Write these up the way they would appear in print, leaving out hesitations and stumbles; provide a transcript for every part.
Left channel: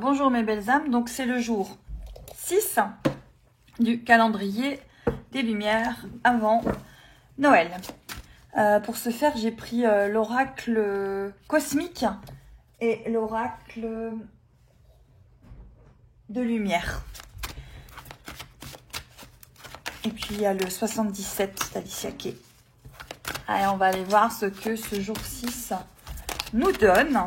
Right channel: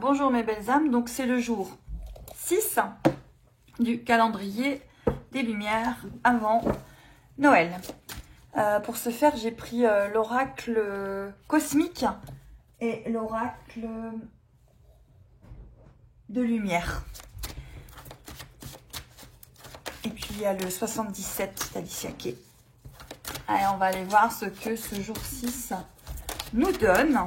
Bonjour mes belles âmes, donc c'est le jour 6 du calendrier des Lumières avant Noël. Pour ce faire, j'ai pris l'oracle cosmique et l'oracle de lumière. Et puis il y a le 77 d'Alicia Kay. Allez, on va aller voir ce que ce jour 6 nous donne.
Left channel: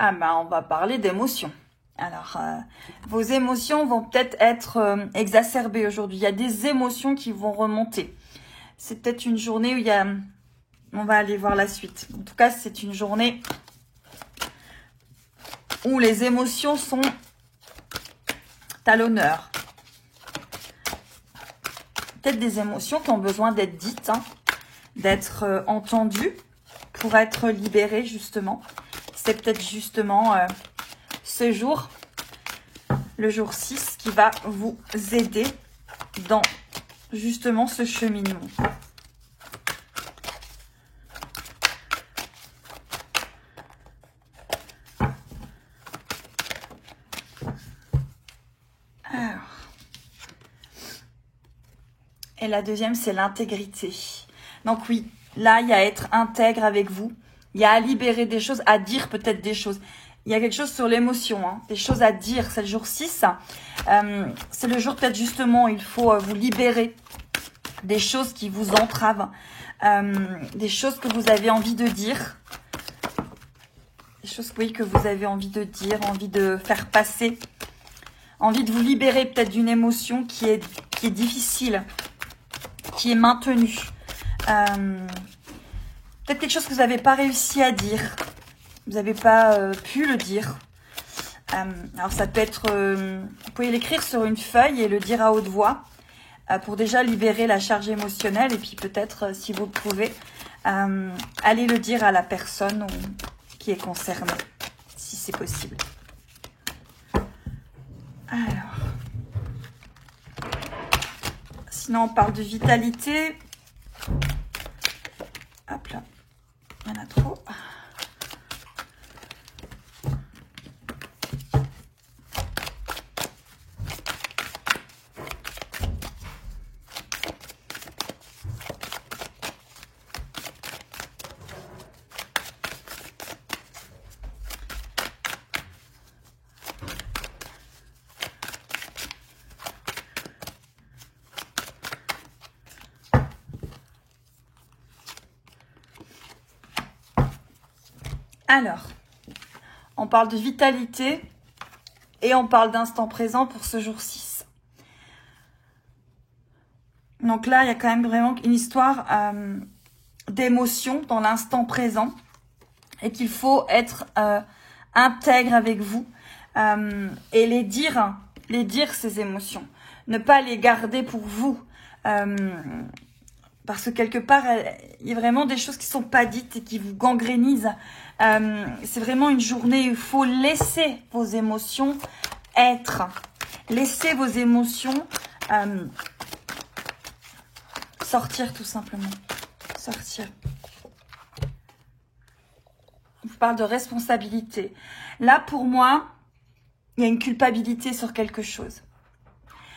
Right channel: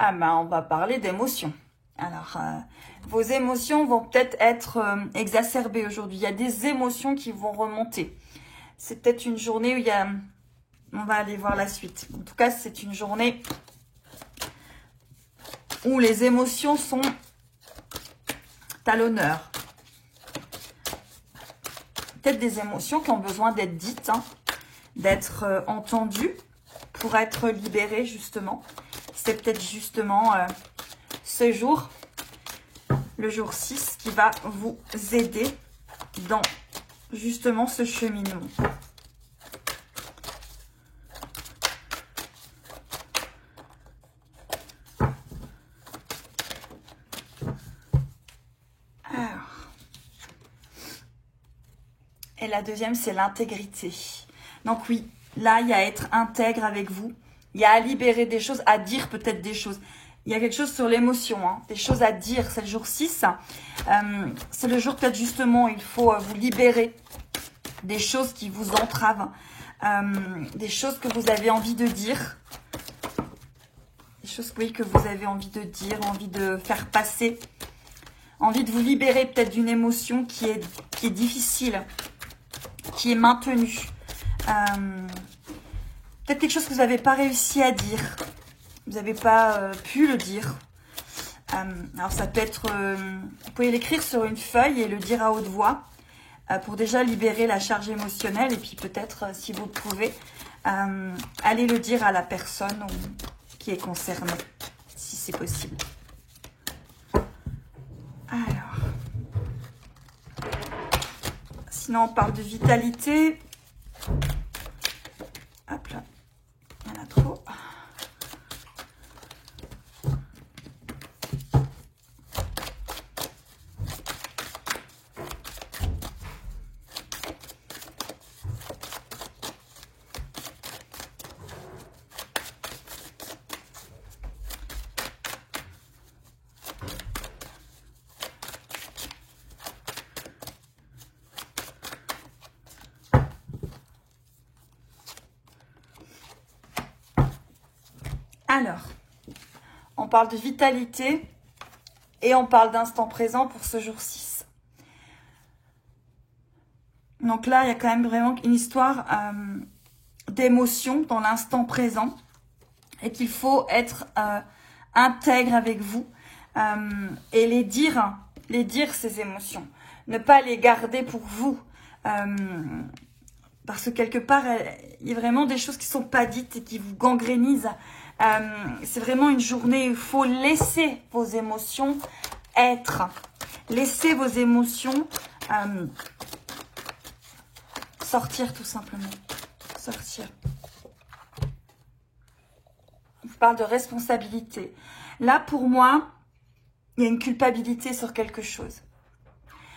Ah ben, on va parler d'émotions. Alors, vos émotions vont peut-être être exacerbées aujourd'hui. Il y a des émotions qui vont remonter. C'est peut-être une journée où il y a... On va aller voir la suite. En tout cas, c'est une journée où les émotions sont à l'honneur. Peut-être des émotions qui ont besoin d'être dites, hein, d'être entendues pour être libérées, justement. C'est peut-être justement ce jour, le jour 6, qui va vous aider dans justement ce cheminement. Et la deuxième, c'est l'intégrité. Donc oui, là, il y a à être intègre avec vous. Il y a à libérer des choses, à dire peut-être des choses. Il y a quelque chose sur l'émotion, hein, des choses à dire. C'est le jour 6. C'est le jour peut-être justement, il faut vous libérer des choses qui vous entravent. Des choses que vous avez envie de dire. Des choses oui, que vous avez envie de dire, envie de faire passer. Envie de vous libérer peut-être d'une émotion qui est difficile, qui est maintenue. Peut-être quelque chose que vous n'avez pas réussi à dire. Vous n'avez pas pu le dire. Alors ça peut être... vous pouvez l'écrire sur une feuille et le dire à haute voix pour déjà libérer la charge émotionnelle. Et puis peut-être, si vous pouvez, aller le dire à la personne qui est concernée, si c'est possible. Alors... Sinon, on parle de vitalité. Hop là. Il y en a trop. Alors, on parle de vitalité et on parle d'instant présent pour ce jour 6. Donc là, il y a quand même vraiment une histoire d'émotion dans l'instant présent et qu'il faut être intègre avec vous et les dire ces émotions. Ne pas les garder pour vous. Parce que quelque part, il y a vraiment des choses qui ne sont pas dites et qui vous gangrénisent. C'est vraiment une journée où il faut laisser vos émotions être. Laissez vos émotions sortir tout simplement. Sortir. On vous parle de responsabilité. Là, pour moi, il y a une culpabilité sur quelque chose.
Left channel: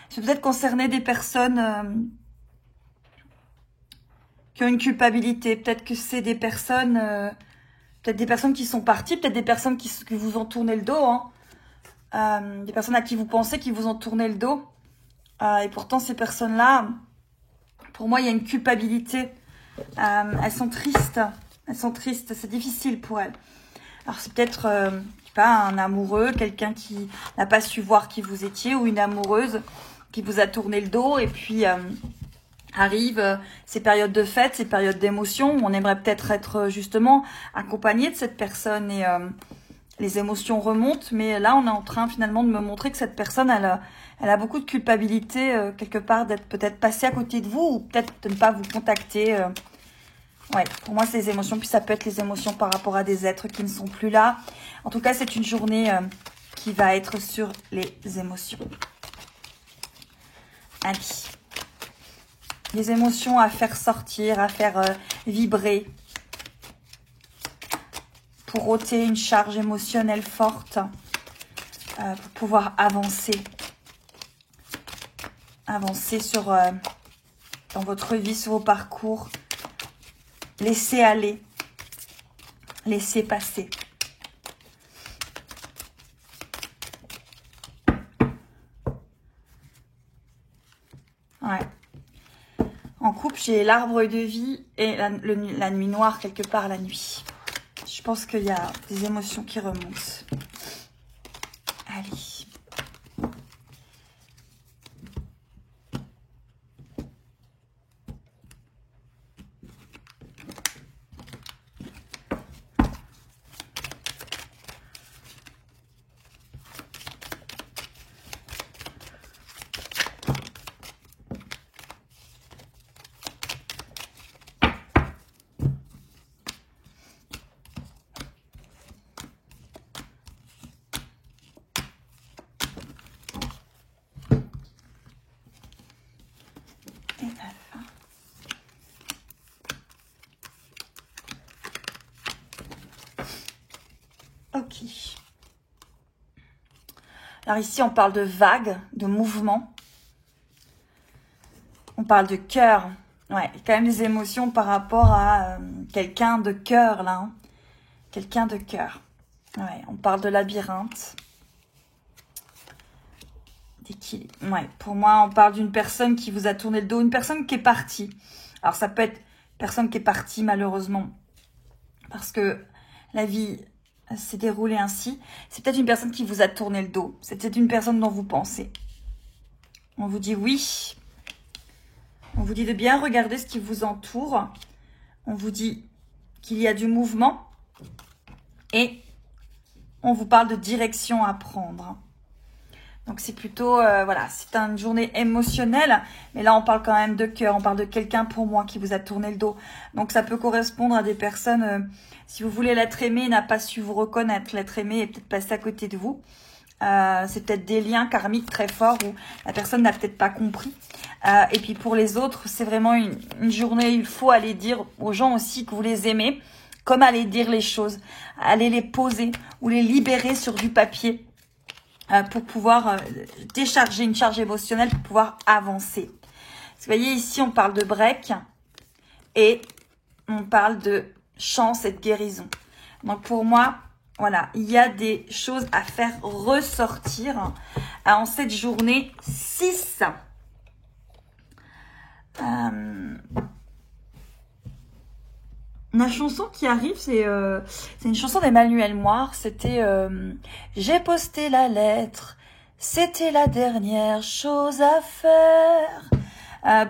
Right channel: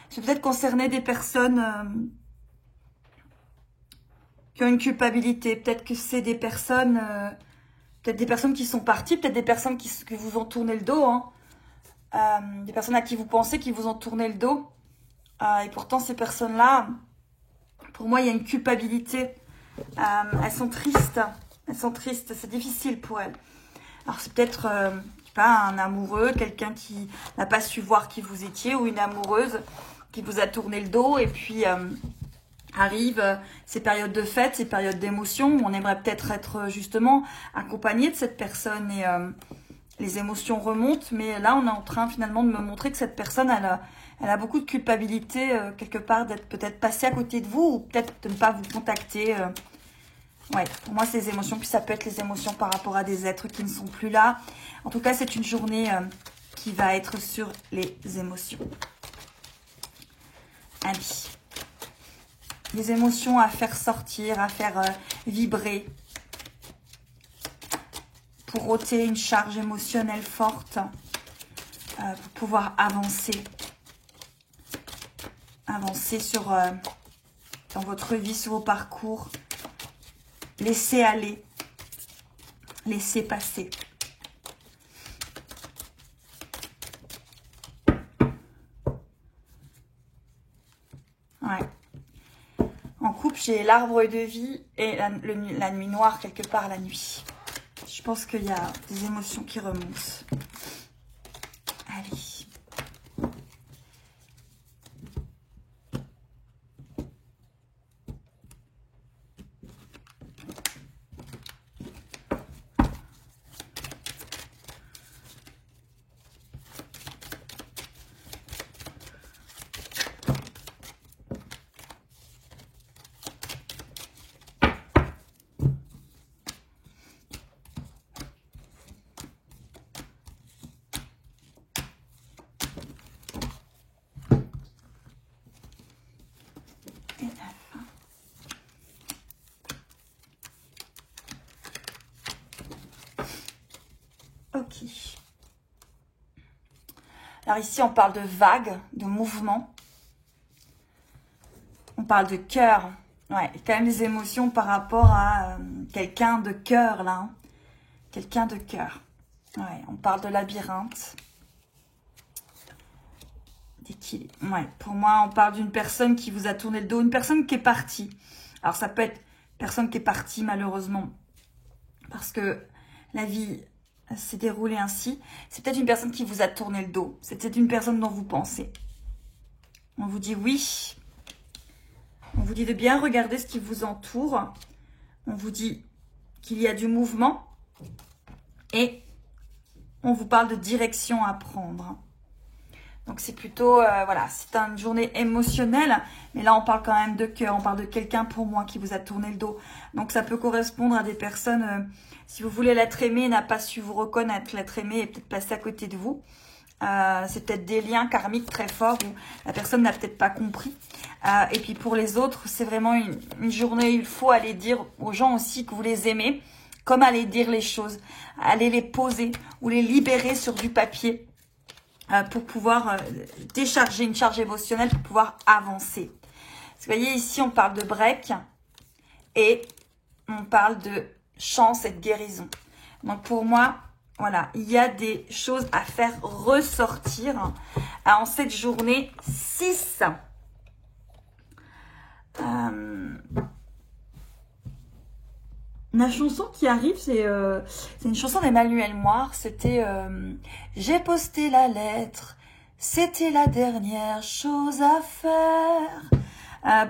Je vais peut-être concerner des personnes qui ont une culpabilité. Peut-être que c'est des personnes... peut-être des personnes qui sont parties, peut-être des personnes qui vous ont tourné le dos. Hein. Des personnes à qui vous pensez qui vous ont tourné le dos. Et pourtant, ces personnes-là, pour moi, il y a une culpabilité. Elles sont tristes. Elles sont tristes. C'est difficile pour elles. Alors, c'est peut-être, je sais pas, un amoureux, quelqu'un qui n'a pas su voir qui vous étiez, ou une amoureuse qui vous a tourné le dos. Et puis... arrivent ces périodes de fête, ces périodes d'émotion. On aimerait peut-être être justement accompagné de cette personne et les émotions remontent. Mais là, on est en train finalement de me montrer que cette personne, elle a beaucoup de culpabilité quelque part d'être peut-être passée à côté de vous ou peut-être de ne pas vous contacter. Ouais, pour moi, c'est les émotions. Puis ça peut être les émotions par rapport à des êtres qui ne sont plus là. En tout cas, c'est une journée qui va être sur les émotions. Allez. des émotions à faire sortir, à faire vibrer. Pour ôter une charge émotionnelle forte. Pour pouvoir avancer. Avancer dans votre vie, sur vos parcours. Laissez aller. Laissez passer. Ouais. En couple, j'ai l'arbre de vie et la nuit noire quelque part la nuit. Je pense qu'il y a des émotions qui remontent. Allez. Ok. Alors ici, on parle de vagues, de mouvements. On parle de cœur. Ouais, il y a quand même des émotions par rapport à quelqu'un de cœur, là. Hein. Quelqu'un de cœur. Ouais, on parle de labyrinthe. D'équilibre. Ouais, pour moi, on parle d'une personne qui vous a tourné le dos, une personne qui est partie. Alors, ça peut être une personne qui est partie, malheureusement, parce que la vie s'est déroulée ainsi. C'est peut-être une personne qui vous a tourné le dos. C'est peut-être une personne dont vous pensez. On vous dit oui. On vous dit de bien regarder ce qui vous entoure. On vous dit qu'il y a du mouvement. Et on vous parle de direction à prendre. Donc c'est plutôt, voilà, c'est une journée émotionnelle. Mais là, on parle quand même de cœur. On parle de quelqu'un pour moi qui vous a tourné le dos. Donc ça peut correspondre à des personnes, si vous voulez, l'être aimé n'a pas su vous reconnaître. L'être aimé est peut-être passé à côté de vous. C'est peut-être des liens karmiques très forts où la personne n'a peut-être pas compris. Et puis pour les autres, c'est vraiment une journée, il faut aller dire aux gens aussi que vous les aimez, comme aller dire les choses, aller les poser ou les libérer sur du papier pour pouvoir décharger une charge émotionnelle, pour pouvoir avancer. Vous voyez, ici, on parle de break et on parle de chance et de guérison. Donc pour moi, voilà, il y a des choses à faire ressortir en cette journée 6. La chanson qui arrive, c'est une chanson d'Emmanuel Moire. C'était j'ai posté la lettre, c'était la dernière chose à faire.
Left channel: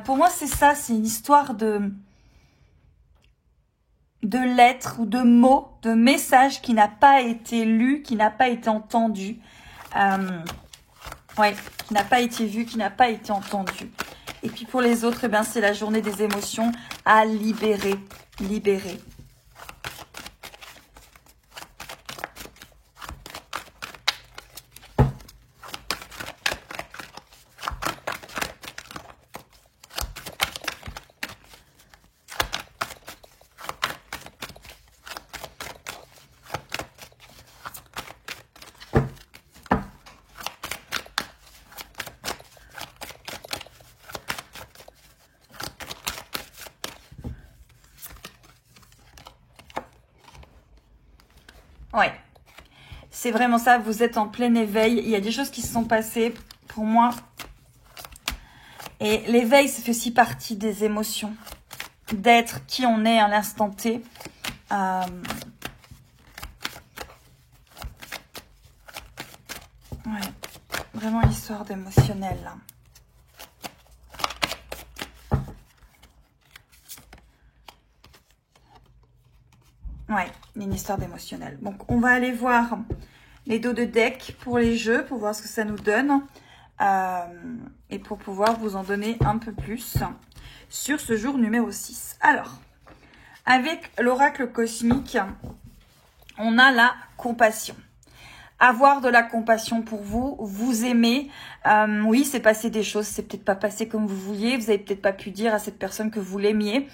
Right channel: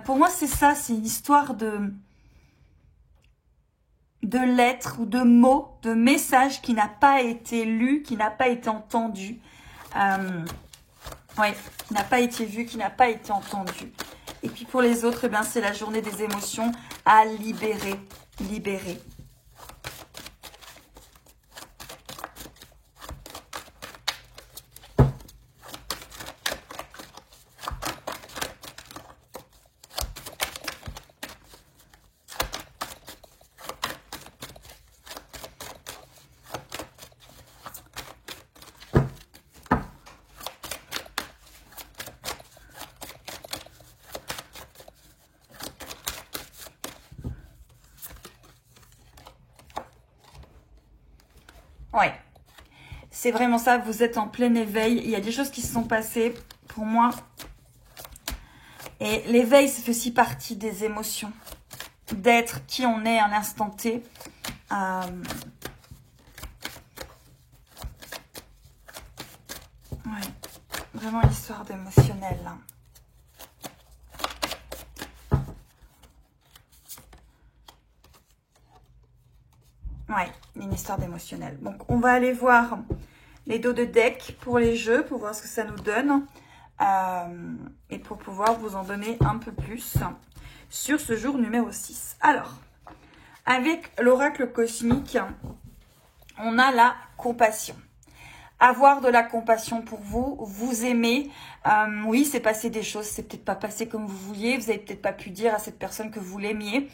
Pour moi, c'est ça, c'est une histoire de lettres ou de mots, de messages qui n'a pas été lu, qui n'a pas été entendu. Ouais, qui n'a pas été vu, qui n'a pas été entendu. Et puis pour les autres, eh ben, c'est la journée des émotions à libérer. Libérer. Ouais, c'est vraiment ça, vous êtes en plein éveil, il y a des choses qui se sont passées pour moi. Et l'éveil, ça fait aussi partie des émotions, d'être qui on est à l'instant T. Ouais, vraiment l'histoire d'émotionnel là. Ouais, une histoire d'émotionnel. Donc, on va aller voir les dos de deck pour les jeux, pour voir ce que ça nous donne. Et pour pouvoir vous en donner un peu plus sur ce jour numéro 6. Alors, avec l'oracle cosmique, on a la compassion. avoir de la compassion pour vous, vous aimer. Oui, c'est passé des choses, c'est peut-être pas passé comme vous vouliez, vous avez peut-être pas pu dire à cette personne que vous l'aimiez.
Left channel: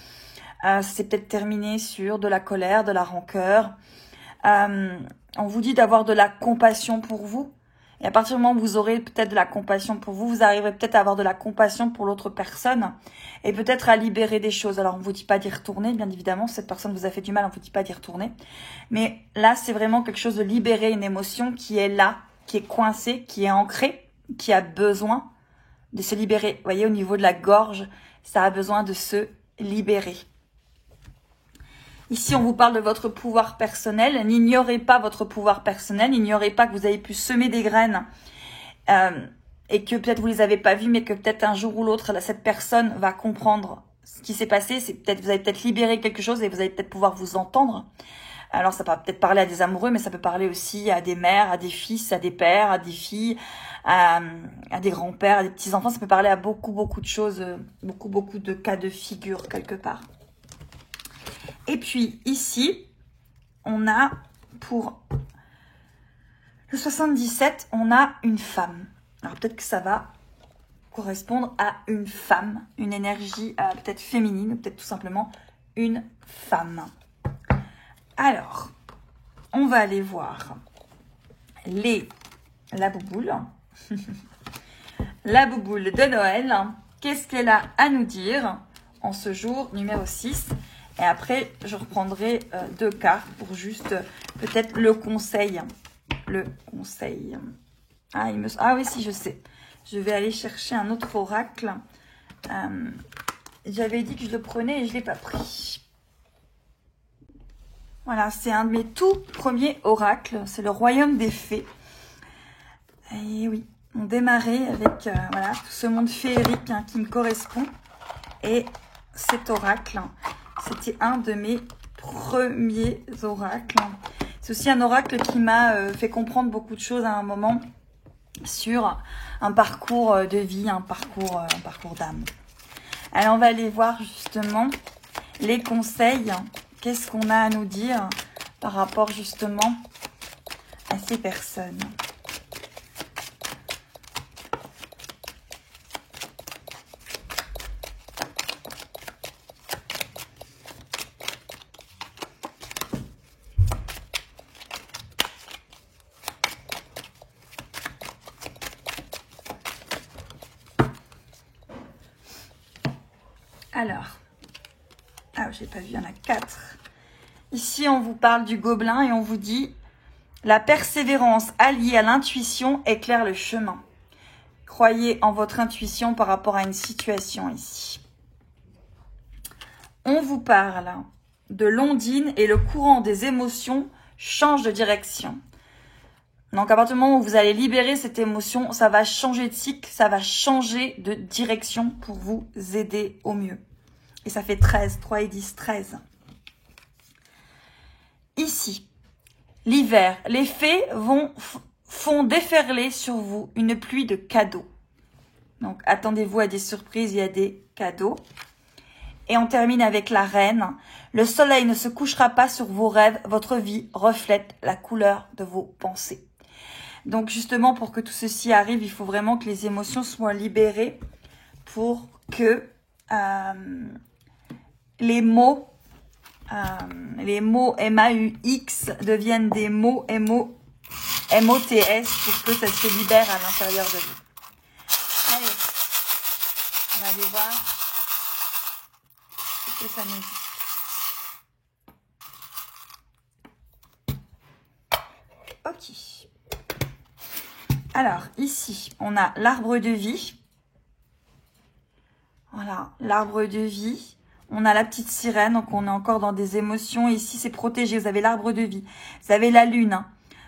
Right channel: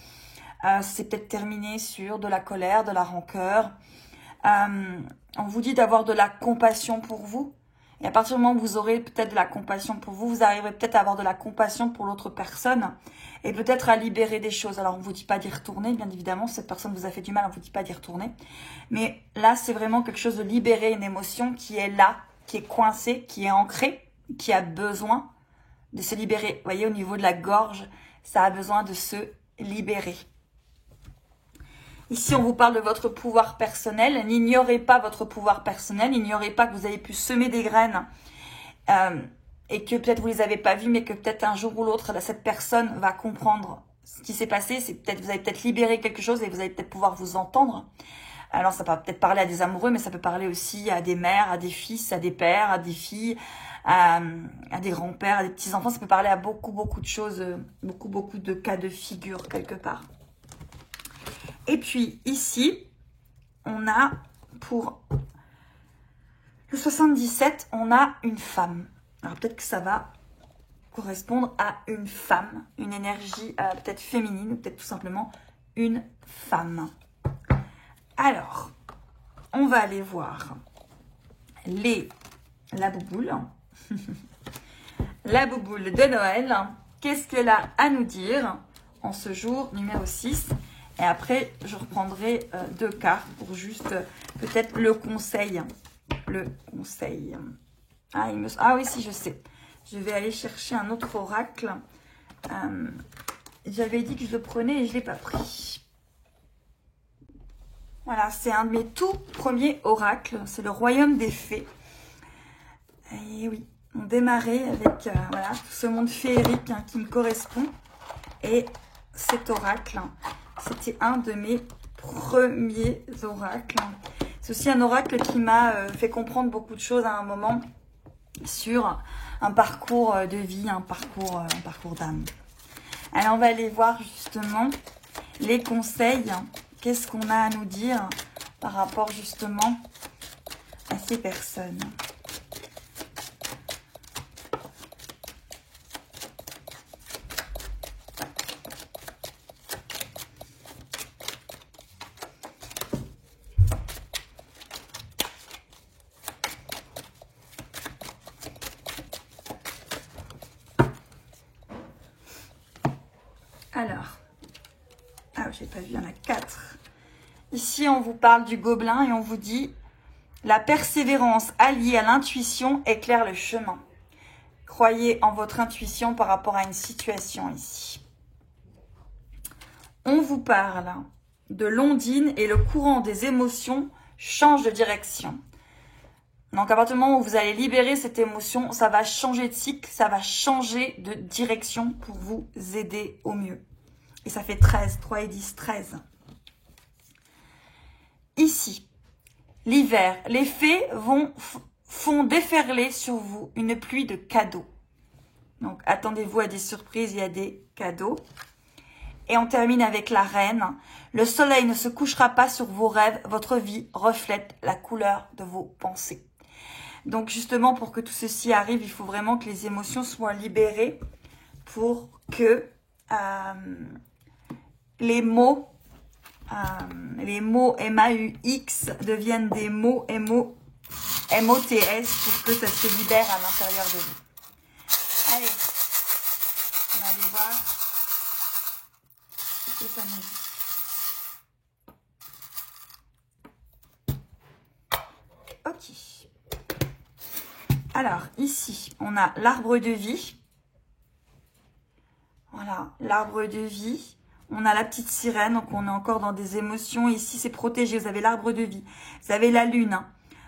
C'est peut-être terminé sur de la colère, de la rancœur. On vous dit d'avoir de la compassion pour vous. Et à partir du moment où vous aurez peut-être de la compassion pour vous, vous arriverez peut-être à avoir de la compassion pour l'autre personne et peut-être à libérer des choses. Alors, on ne vous dit pas d'y retourner, bien évidemment. Si cette personne vous a fait du mal, on ne vous dit pas d'y retourner. Mais là, c'est vraiment quelque chose de libérer une émotion qui est là, qui est coincée, qui est ancrée, qui a besoin de se libérer. Vous voyez, au niveau de la gorge, ça a besoin de se libérer. Ici, on vous parle de votre pouvoir personnel. N'ignorez pas votre pouvoir personnel. N'ignorez pas que vous avez pu semer des graines et que peut-être vous ne les avez pas vues, mais que peut-être un jour ou l'autre, cette personne va comprendre ce qui s'est passé. C'est peut-être, vous avez peut-être libéré quelque chose et vous allez peut-être pouvoir vous entendre. Alors, ça peut peut-être parler à des amoureux, mais ça peut parler aussi à des mères, à des fils, à des pères, à des filles, à des grands-pères, à des petits-enfants. Ça peut parler à beaucoup de choses, beaucoup de cas de figure quelque part. Et puis ici, on a pour le 77, on a une femme. Alors peut-être que ça va correspondre à une femme, une énergie peut-être féminine, ou peut-être tout simplement une femme. Alors, on va aller voir la bouboule. La bouboule de Noël. Qu'est-ce qu'elle a à nous dire en ce jour numéro 6 ? Et après, je reprendrai 2 cartes pour juste peut-être le conseil. Le conseil. Ah oui, si, je sais. Je vais aller chercher un autre oracle. J'avais dit que je le prenais et je ne l'ai pas pris. Voilà, c'est un de mes tout premiers oracles. C'est le royaume des fées. Et oui, on démarrait avec voilà, tout ce monde féerique qui me correspond. Et cet oracle... C'était un de mes premiers oracles. C'est aussi un oracle qui m'a fait comprendre beaucoup de choses à un moment sur un parcours de vie, un parcours d'âme. Alors, on va aller voir justement les conseils. Qu'est-ce qu'on a à nous dire par rapport justement à ces personnes. Alors, j'ai pas vu, il y en a 4. Ici, on vous parle du gobelin et on vous dit « La persévérance alliée à l'intuition éclaire le chemin. Croyez en votre intuition par rapport à une situation ici. » On vous parle de l'ondine et le courant des émotions change de direction. Donc, à partir du moment où vous allez libérer cette émotion, ça va changer de cycle, ça va changer de direction pour vous aider au mieux. Et ça fait 13, 3 et 10, 13. Ici, l'hiver, les fées font déferler sur vous une pluie de cadeaux. Donc, attendez-vous à des surprises et à des cadeaux. Et on termine avec la reine. Le soleil ne se couchera pas sur vos rêves, votre vie reflète la couleur de vos pensées. Donc, justement, pour que tout ceci arrive, il faut vraiment que les émotions soient libérées pour que les mots M-A-U-X deviennent des mots M-O-T-S pour que ça se libère à l'intérieur de vous. Allez, on va aller voir ce que ça nous dit. Ok. Alors, ici, on a l'arbre de vie. Voilà, l'arbre de vie. On a la petite sirène, donc on est encore dans des émotions. Ici, c'est protégé. Vous avez l'arbre de vie. Vous avez la lune.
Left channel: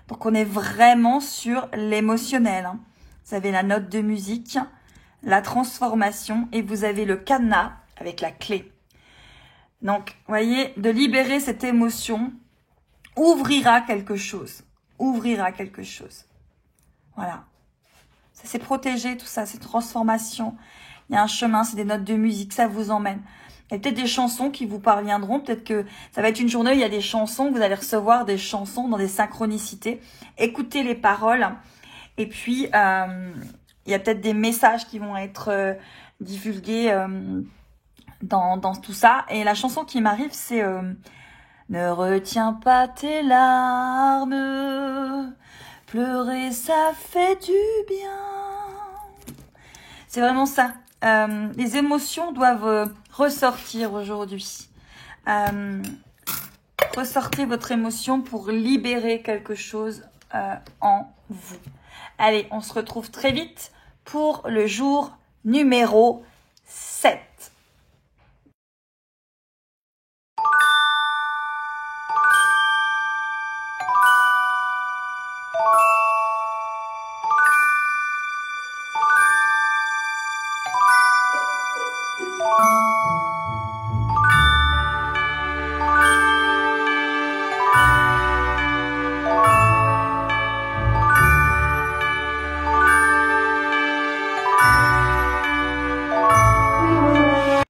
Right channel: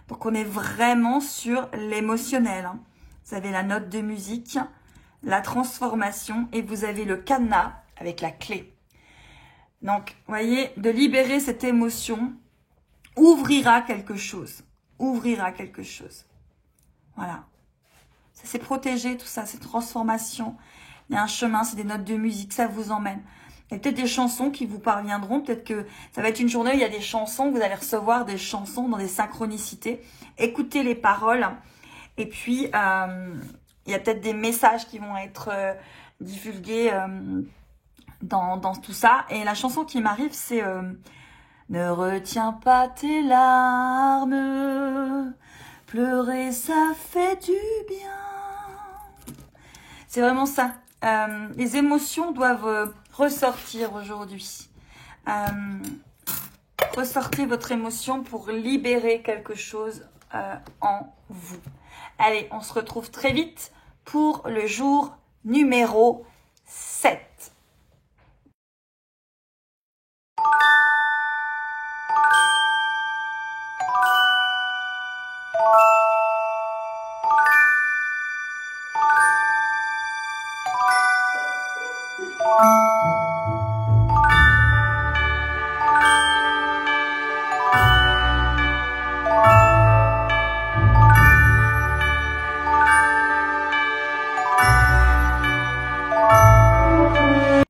Donc, on est vraiment sur l'émotionnel. Vous avez la note de musique, la transformation et vous avez le cadenas avec la clé. Donc, vous voyez, de libérer cette émotion ouvrira quelque chose. Ouvrira quelque chose. Voilà. C'est protégé, tout ça, cette transformation. Il y a un chemin, c'est des notes de musique, ça vous emmène. Il y a peut-être des chansons qui vous parviendront. Peut-être que ça va être une journée où il y a des chansons. Vous allez recevoir des chansons dans des synchronicités. Écoutez les paroles. Et puis, il y a peut-être des messages qui vont être divulgués dans tout ça. Et la chanson qui m'arrive, c'est ne retiens pas tes larmes. Pleurer, ça fait du bien. C'est vraiment ça. Les émotions doivent ressortir aujourd'hui. Ressortez votre émotion pour libérer quelque chose en vous. Allez, on se retrouve très vite pour le jour numéro 7.